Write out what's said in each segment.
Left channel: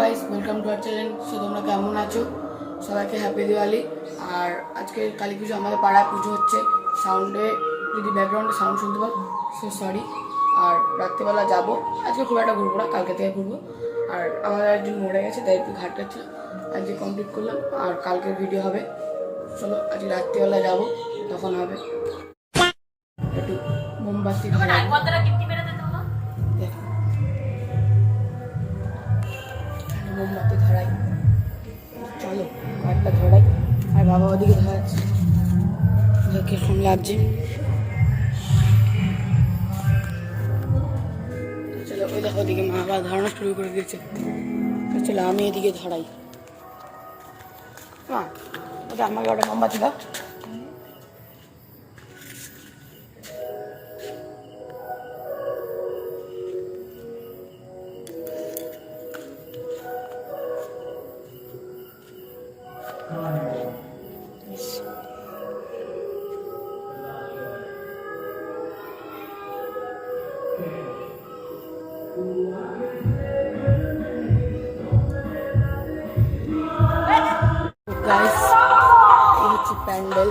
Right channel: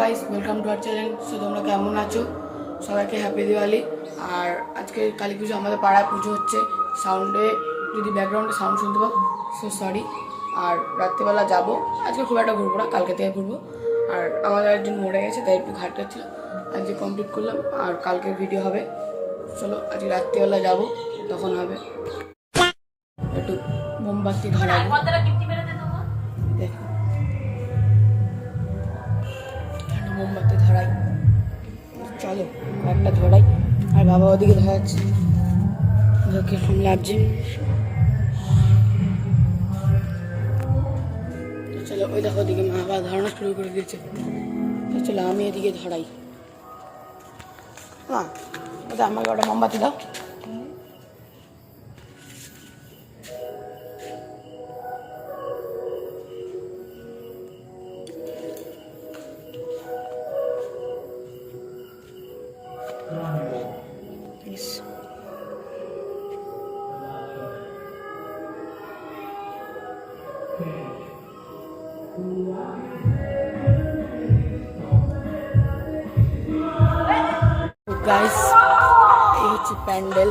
Guys, welcome to our channel. So তোমরা কেমন আছো? সবাইকে হ্যাপি দিওয়ালি। আর আজকে কালী পুজো, আমাদের পাড়ায় পুজো হচ্ছে। সাউন্ডে যদি ব্যাকগ্রাউন্ডে সাউন্ড শুনতে পাও, সো সরি। আর রাত্রিবেলা যাবো, আজকে খুব একটা ঘুরবো না, কালকে থেকে ঘুরবো। আর আমাদের একজন মরে গেছে, তাই একটু ঘাট ছিল, আজকে কমপ্লিট করলাম। আর কালকে ভিডিও হবে। চলো আজকে রাত্রিবেলা যাবো, তখন হবে। একটু মোমবাতি ধরাবো, দেখো মোমবাতি ধরাই। চলো কয়েকটা ধরাই। আর বাবা ওদিকে ধরাচ্ছে, কিরকম লাগছে। চলো ওই দেখো ওদিকে মা বাবা ধরানো শুরু করে দিয়েছে। চলো আমি এদিকে ধরাই। হ্যাঁ, ওটা আমাকে ওটা মোমবাতি দাও। গাইস, এই হচ্ছে প্যান্ডেল।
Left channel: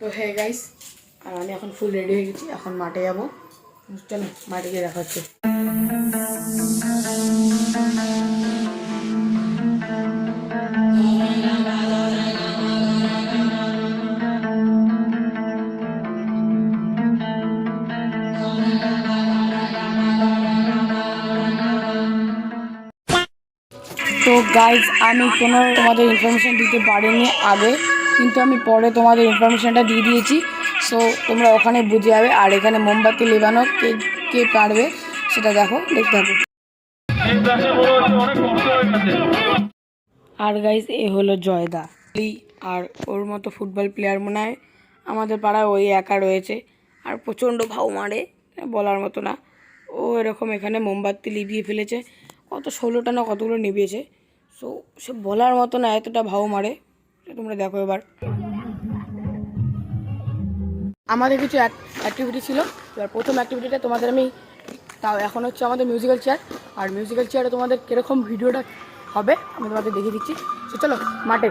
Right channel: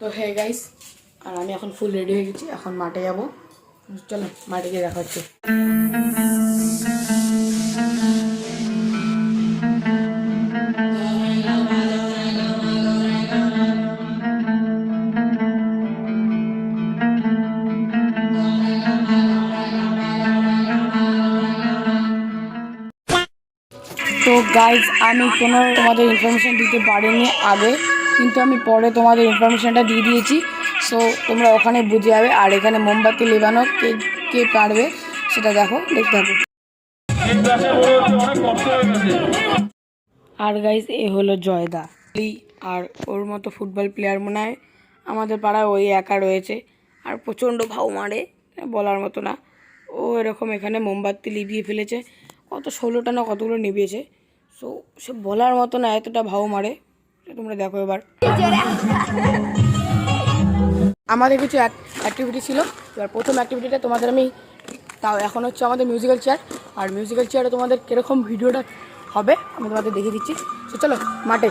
তো হে গাইস, আর আমি এখন ফুল রেডি হয়ে গেছি, এখন মাঠে যাবো। চলো মাঠে গিয়ে দেখা হচ্ছে। তো গাইজ, আমি কোনো তোমাদের ইনফরমেশান দিতে পারিনি আগে, কিন্তু আমি পরে তোমাদের ইনফরমেশানটা দিয়ে দিয়েছি। সো তোমরা ওখানে বুঝে যাবে। আর এখানে মোমবাতি লেবানো কে কে পারবে সেটা দেখো, দেখতে হবে। আর গাইজ, এ হলো জয়দা। আর ওর মতো ফুটবল প্লেয়ার মনে হয় আমাদের পাড়ায় ওই একা রয়েছে। আর প্রচণ্ড ভাও মারে, বলার মতো না। ও এরকম এখানে মোমবাতি লিভিয়ে ফেলেছে, কত 16টা না কতগুলো নিভিয়েছে। সো সে বলার মতো না, এতটা ভাও মারে। তোমরা দেখো এবার। আমাদের কিছু অ্যাক্টিভিটি ছিল। এবার প্রথম অ্যাক্টিভিটিটা তোমাদের আমি, তাও এখন হচ্ছে আমাদের মিউজিক্যাল চেয়ার। আর মিউজিক্যাল চেয়ারে তোমাদের কীরকম ভিডিওটা হবে আমি তোমাদের দেখিয়ে দিচ্ছি। তো চলো মাঠে।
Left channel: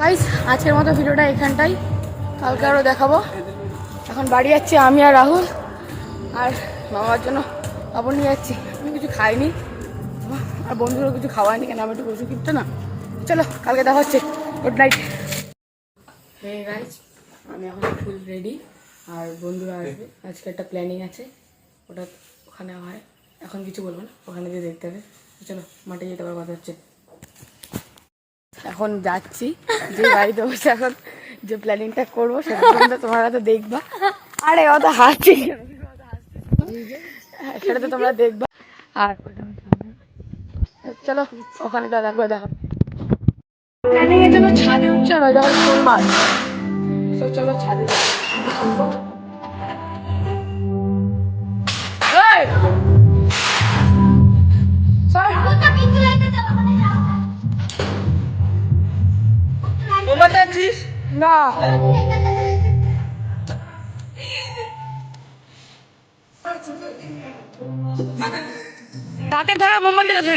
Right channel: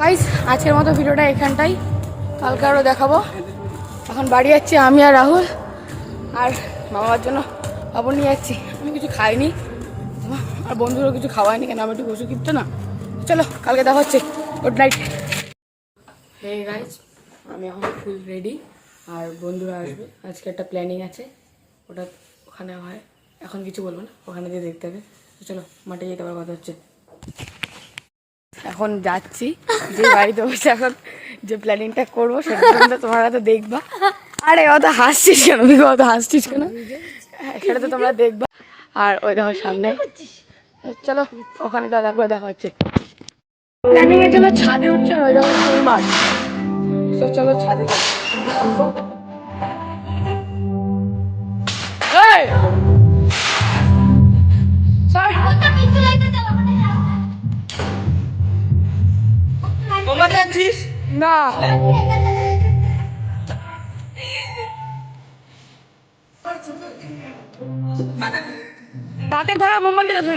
গাইস, আজকের মতো ভিডিওটা এখানটাই, কালকে আরও দেখাবো। এখন বাড়ি যাচ্ছি আমি আর রাহুল, আর মামার জন্য খবর নিয়ে যাচ্ছি। আমি কিছু খাইনি, আর বন্ধুরও কিছু খাওয়াইনি, কেন আমি একটু ওষুধ কিনতে না। চলো কালকে দেখা হচ্ছে, গুড নাইট। হে গাইস, আমি এখন ফুল রেডি, আর বন্ধুরা আসবে। আজকে একটা প্ল্যানিং আছে, ওটা ওখানে হয়, এখন কিছু বলবো না, ওখানে গিয়ে দেখতে হবে। চলো মাঠে যেতে আবার কথা হচ্ছে। এখন যাচ্ছি, যে বাড়িতে বসে এখন যে প্ল্যানিংটা করবো সেটা তোমরা তো দেখবা। আরে অত হাসছিস কেন, অত হাসছিস কেন, সেটা তো তোমরা দেখবা। আর ওই দেখো সামনে, চলো ওখানে দেখা হচ্ছে। প্ল্যানিং এর জন্য ছাদে উঠছে, ওই দেখো ফুল মাছ। চলো ছাদে না তাতে ধরা মোমবাতি আছে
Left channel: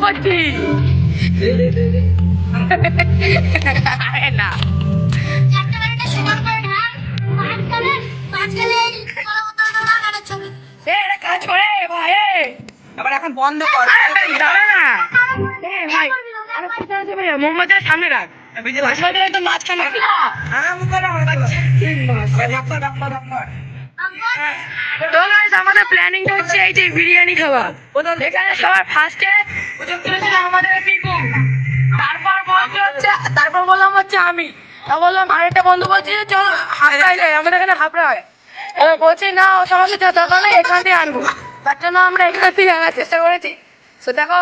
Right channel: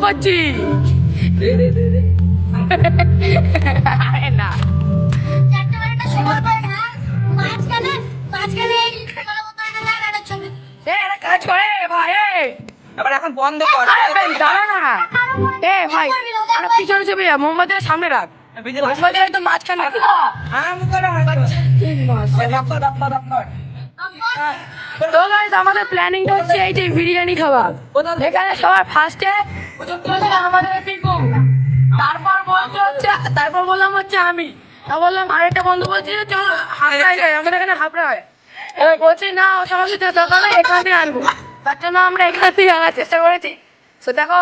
করছি না কাজ করে ভাই আবার এখন বন্ধ কর দাঁড়া না ভাই পিছনে চেপে যা মোমবাতির সামনে রাখ মোমবাতির তো মাঝখানে তো গাইস আমাদের প্ল্যানিংটা হচ্ছে এই যে বিরিয়ানি খাওয়া এখানে সবার ফার্স্টে আমাদের পিকু তারপর বললাম হচ্ছে আমি বললাম আরেকটা বন্ধু বলছি যে চল হাফড়ায় যাই আমাদের এখানে হাফড়া হয় এবার বলছি না ও সমস্যা দরকার নেই এখান থেকে আনবো তার জন্য আমরা এখান থেকে আনার চেষ্টা করেছি তো দেখো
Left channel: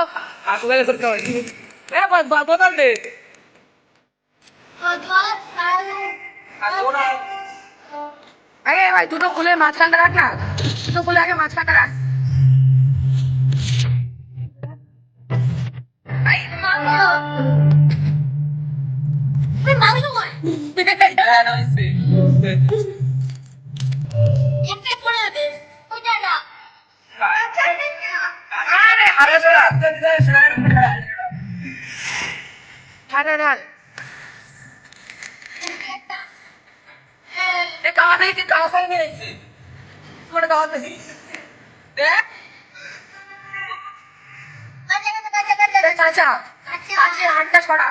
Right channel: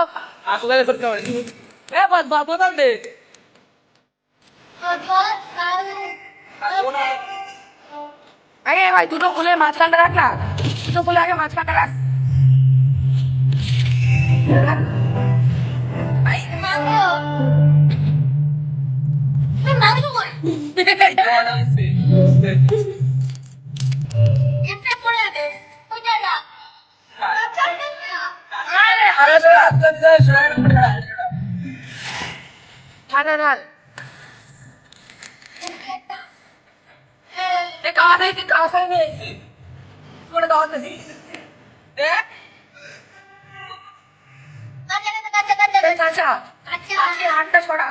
আগে ভাই দুটো খুলে মাঝখানটা রাখ না দুটো খুলে আগে মাঝখানটা রাখ হাতটা ছড়া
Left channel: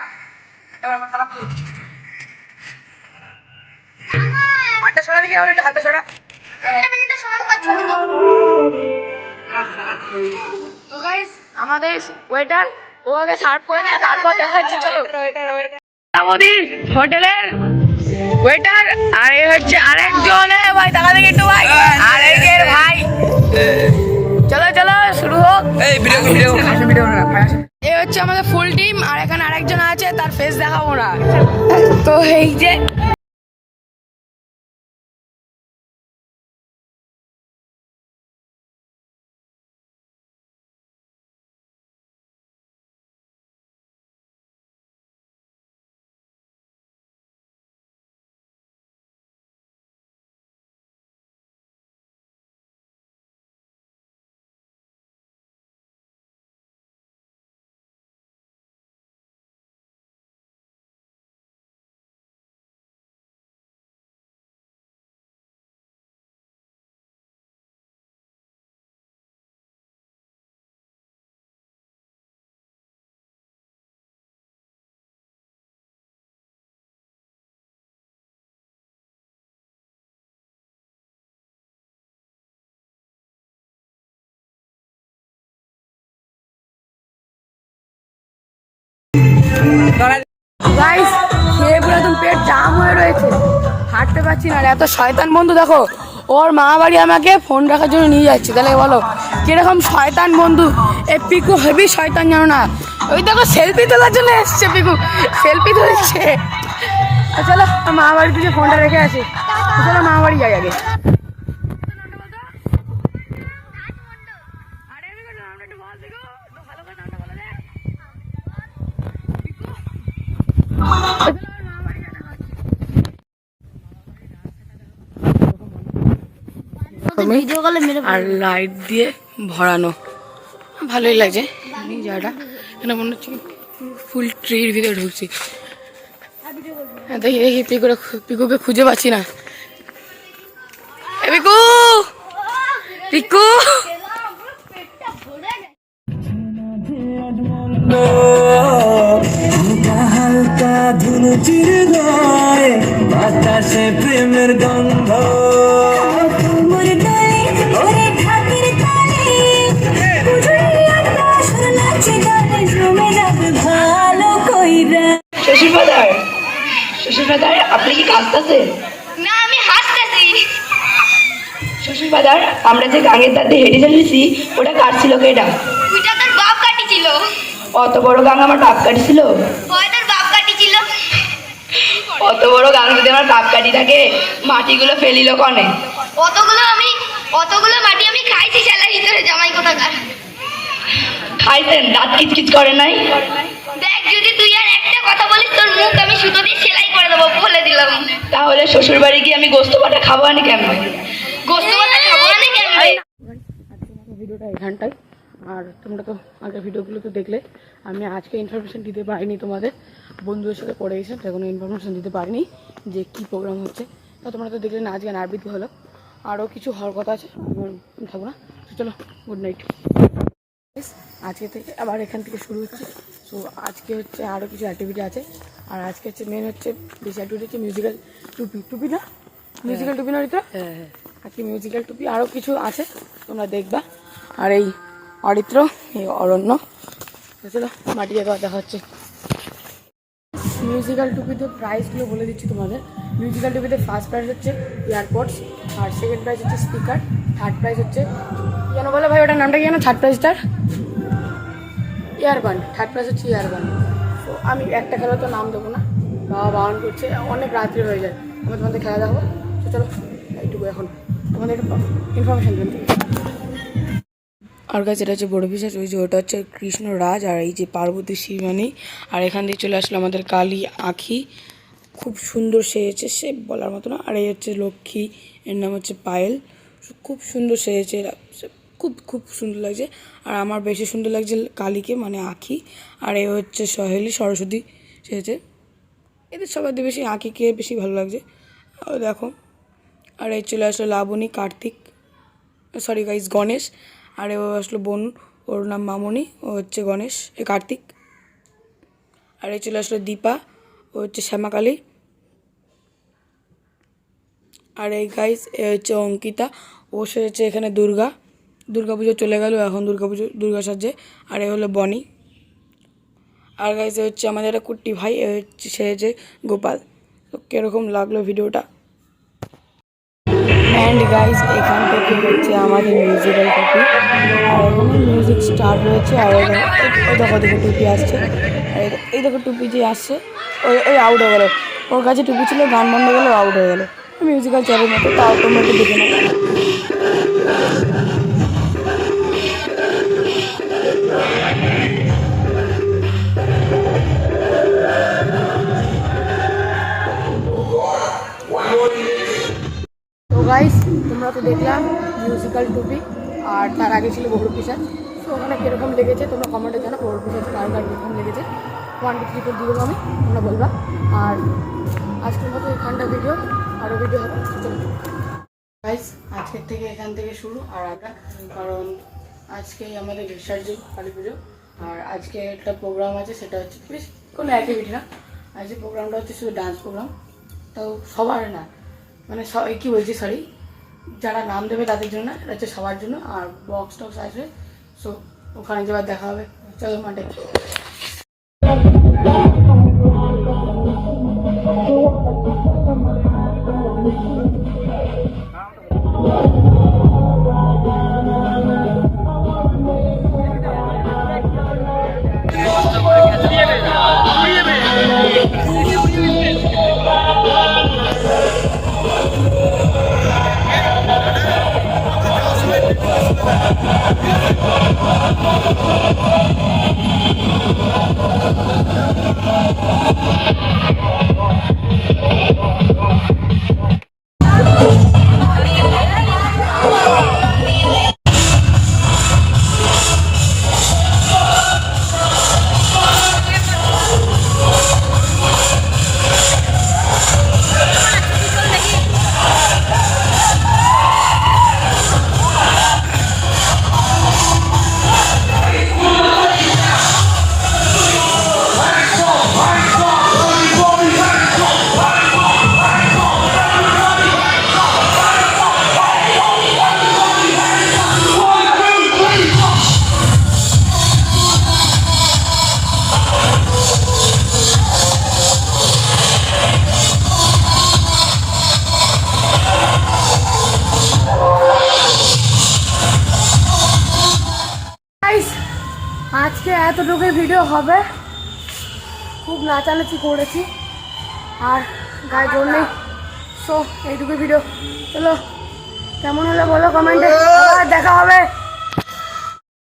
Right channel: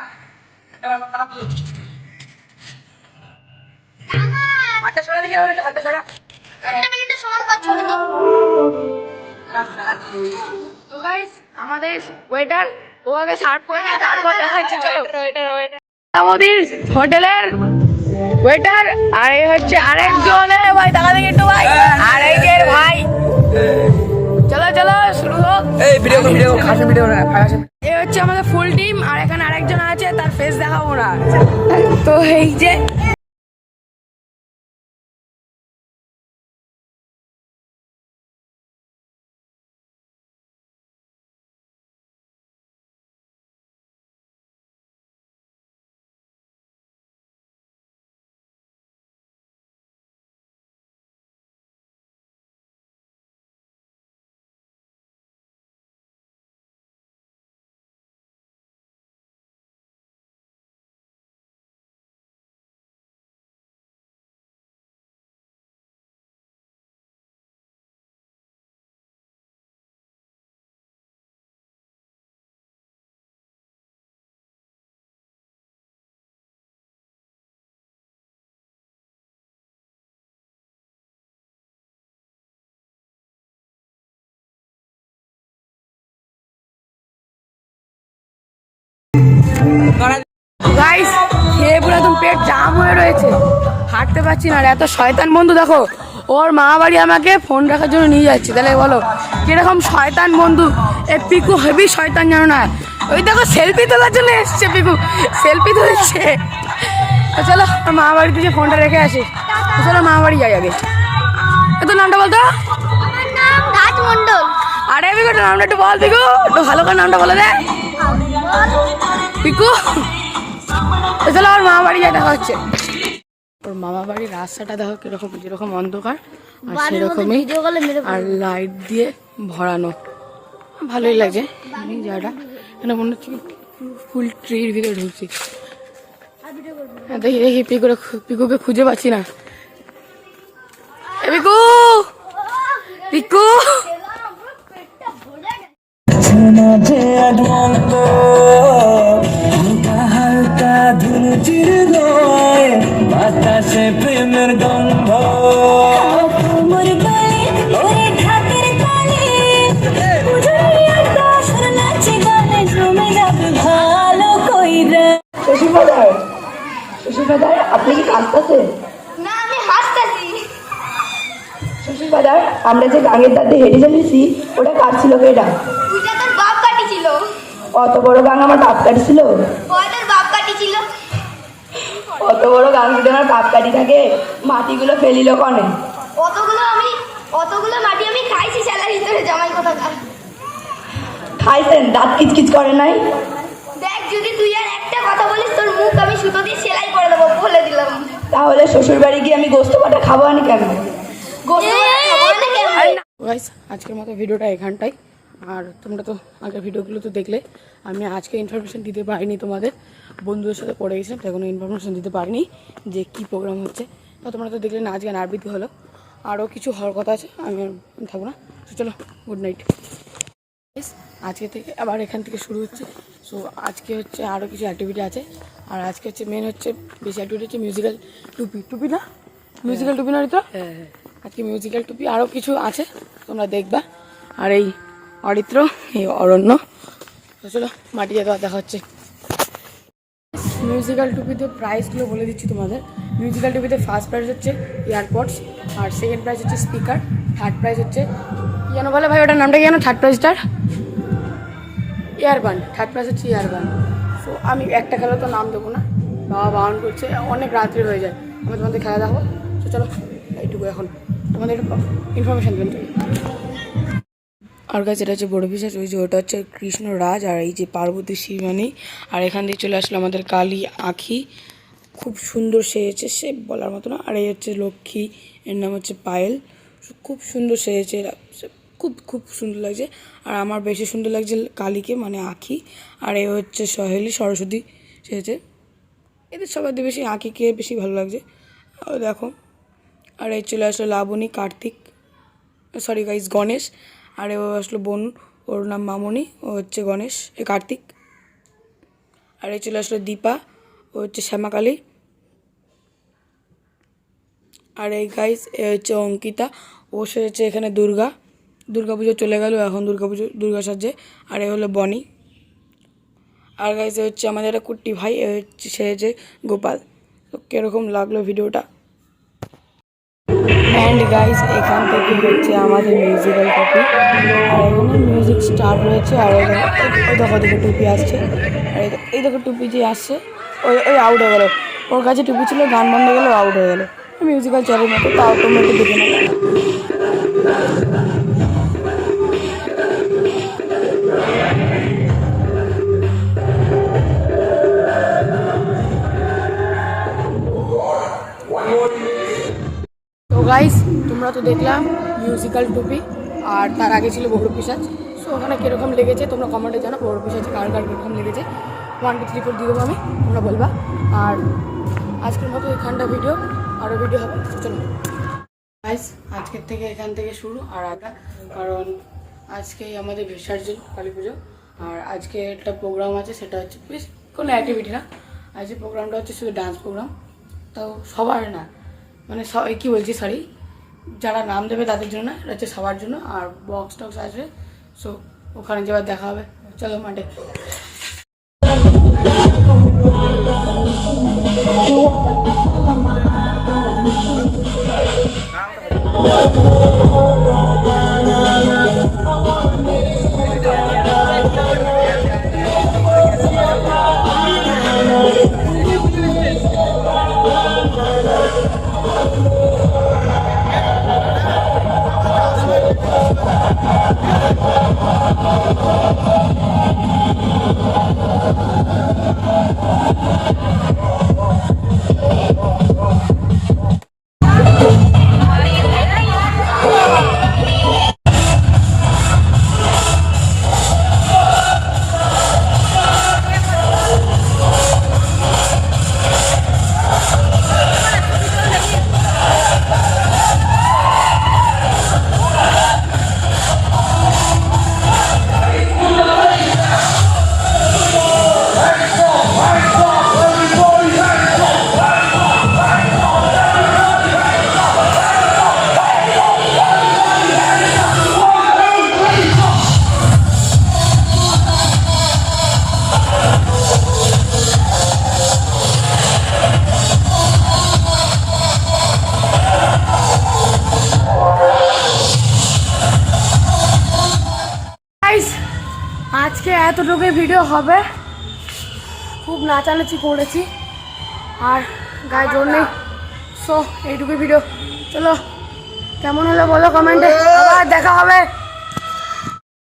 হাতটা ছড়া দিকে হাতটা ছড়া তো গাইস আমাদের ওয়েটার ও আগে সার্ভ করে তারপর দেখাচ্ছি চলো আমাদের হোটেলের ওয়েটার আর এই হচ্ছে আরেকজন ভাই তাকা দেখে একটু ভাই আরেকের ভাই চলো চলো শুরু হোক এই ভিডিও না এই হচ্ছে আমাদের ফুল টিম আর এখানে আরেকজন আছে তার ফেস দেখাবো না তো এই যে গাইস খেয়ে পুরো একদম পেট জাম হয়ে রয়েছে হাঁটতে পারছি না এত শয়তান বন্ধু দেখো ওর মা বাড়ি আমাকে ফোন রাখার জন্য নিয়ে যাচ্ছে তাহলে বলো যেরকম শয়তান বন্ধু এ পিকু হেভি শয়তান জানো না ওই দেখো সেলফি তোলার জন্য এসছে পিকু সেলফি তুলছে চলো মা বাড়ি থেকে ফোনটা রেখে আসি চলো মা বাড়ি যাই আগে তোর নামটা বলতো আরে পিকু তোর নামটা একটু বল পিকু একটু ভালো করে নামটা বলে দে পিকু চলো আমার মামা বাড়ি যা দেখা হচ্ছে ওর মামা বাড়ির রাস্তাটা দেখো কিরকম কিরকম অন্ধকার আর সেরকমই আর লাইট দিয়ে ভরানো ভালোই লাগছে জায়গাটা এখানে মনে হচ্ছে ফুল ট্রির ভিতরে ঢুকছি দেখি দেখি পিকুকে খুঁজে পাচ্ছি না পিকু পিকু মাঝে আনন্দ হালকা হালকা ধুনুচির গায়ে বাতাসে প্রেমের গন্ধ তোমার গায়ে ওরে ঢাকের তালে উজুরি আকাশ নাচে গানে জমে যাবে ভালো কইরা। শ্বশুরবাদার আপনি কি কাঁদতেছেন? না, আমি হাসতেছি। শ্বশুরবাদার আমরা যে গাঙের দাঁতে হেঁটে চলেছি ওটা কাটছিল কে? এটা ওইটা তোর বাপ কাটিছিল। অত বড় গাং আমার বাপ কাটিছিল? হয় তোর বাপ কাটিছিল। অত বড় গাং যদি আমার বাপ কাটি থাকে মাটিগুলো ফেলিল কনে? অতগুলো মাটি আমি খাইছি শালার ভিতরে জামাই কোথাকার। খাইছেন? দাঁত কিচকিচ করে নাই? দেখ, যদি তুই আর একটা কথা বলিস তোর মুখ আমি সুতো দিয়ে সেলাই করে দেবো, বলে দিলাম। তাহলে শ্বশুর বাড়ি গিয়ে আমি গোস্ত বাটা খাবো আনি কেমন? গোস্ত বাটা খাবো না কেমনে? গাইস আজকের মতো ভিডিওটা এখানটাই। আর তোমরা তো আগের ভিডিওগুলো তো দেখলে, আমি আজকে ইনফরমেশন দিতে পারিনি তোমাদের, বন্ধুদের সাথে পড়ে গেছিলাম, তখন ইনফরমেশন দিতে পারিনি যে কী প্রোগ্রাম হচ্ছে। তো তোমরা তো দেখলে না, আজকে আবৃত্তি হলো, আরও কিছু হওয়ার কথা আছে, আমি থাকবো না। তো চলো, গুড নাইট। আজকে থেকে আবার এখান থেকে শুরু হচ্ছে। সো আজকে হচ্ছে আরও কিছু অ্যাক্টিভিটি আছে। আর আজকে হচ্ছে মেন হচ্ছে বেশি অ্যাক্টিভিটি হচ্ছে মিউজিক্যাল টুপি না, মিউজিক্যাল টুপি না রিতা? আজকে মিউজিক্যাল টুপি আরও কিছু আছে, তোমরা দেখবা। আর এই অরিত্র, এই অরণ্য। তো চলো মাটি যেতে দেখা হচ্ছে। মিউজিক্যাল টুপিতে প্রাইসগুলো বলে দিচ্ছি তোমাদের। মিউজিক্যাল টুপিতে ফার্স্ট প্রাইজ হচ্ছে এয়ারপডস, আর সেকেন্ড প্রাইজ হচ্ছে স্পিকার, থার্ড প্রাইজ হচ্ছে কী যেন বলে ভাই, এটার নামটা কি যেন? থার্ড প্রাইজটার ইয়ারবান, থার্ড প্রাইজ হচ্ছে ইয়ারবান। সো আমি একটা খেলা তো নাম দেবো না, বাবা বারণ করছে, অনেক রাত্রি হয়ে যায়, আমি তোমাদের খেলা দেখাবো। তো চলো এইটুকু এখন তোমাদের ইনফরমেশান দিলাম। আর কাছে এটা হচ্ছে বড় পিসাচ, ওই যে ওটা হচ্ছে কৃষ্ণরাজ, আর এই যে পার্বতী শিবানী। আর এখান থেকে চলে আসলো আমাদের কালী আঁখি, খুব সুন্দর সেজেছে, সে বলার মতো না। আর এই হচ্ছে লক্ষ্মী, এর নাম হচ্ছে পায়েল, খুব সুন্দর সেজেছে, খুব খুব সুন্দর লাগছে। আর আমার বেশি সুন্দর লাগছে কালীকে, মানে আঁখি। আর এ হচ্ছে সহেলি, সরস্বতী সেজেছে। এদের সবাই বেশি আঁখিকে বেশি ভালো লাগছে, দেখো। আর এই চলে আসলো লাবণী, কার্তিক, সরি গাইস, গণেশ। আর ও আসলো বোন, ওর নাম মামনি, ও হচ্ছে গণেশ, কার্তিক। আর এই চলে আসলো দীপা, ও হচ্ছে শ্যামাকালী। আর এই গাইস এ হচ্ছে অঙ্কিতা, ও সেজেছে এখানে দুর্গা পুজো চলে গেল, এখন দুর্গা সাজে। আর এ হলো বনি। আর গাইস এ হচ্ছে আমাদের একটা কুট্টি ভাই, এ হচ্ছে সেজেছে গোপাল। তো কীরকম লাগলো ভিডিওটা? অ্যান্ড গাইস এখান থেকে হচ্ছে আমাদের মিউজিক্যাল টুপি, আর এখানে মিউজিক স্টার্ট হয়েছে। আর ওই দেখো টুপি আসছে, আর এই দেখো টুপি যে আসছে, ওই আউট হয়ে গেলো, ওর কাছে টুপি ছিল, গান বন্ধ হয়ে গেলো, আউট হয়ে গেলো। মিউজিক্যাল চ্যানেল মতো, তাও তোমরা একটু দেখে নেবো। তো গাইস তোমরা তো দেখলাম মিউজিক্যাল টুপি, আর তার আগে ছিল বড় পিসাচ। সো ওখানে কীরকম লেগেছে তোমরা কমেন্টে জানো, বড় পিসাচ কার কীরকম লেগেছে। 1 2 3 4 দিয়ে দেবো আমি, তোমরা বলবা। আর আজকের মতো এখানটা ভিডিও, আরও ভিডিও হবে। চলো গাইস আজকের থেকে এখান থেকে শুরু, আর আটা, কারণ আজকেই আমাদের বিসর্জন কালী পুজো। আর আজকে একটা প্রোগ্রাম আছে, সেটা হচ্ছে কোনো অ্যাক্টিভিটি না, আজকে প্রোগ্রামটা হচ্ছে শুধু ডান্স প্রোগ্রাম। তো সবার না, মানে কী বলছি, সরি, যারা নাম দেবে তাদের জন্য না, এটা হচ্ছে সবার জন্য। আর বক্স টক্স আসবে, সো ওখানে যাবার দেখা হবে। চলো মাঠে। গাইস আজকে এতটুকুই ভিডিও হবে, খুব নাচানাচি করেছি আর গায়ে জোর নেই। সো এইটুকুই ভিডিও, চলো কেমন হলো বলো কমেন্টে, আবার দেখা হবে।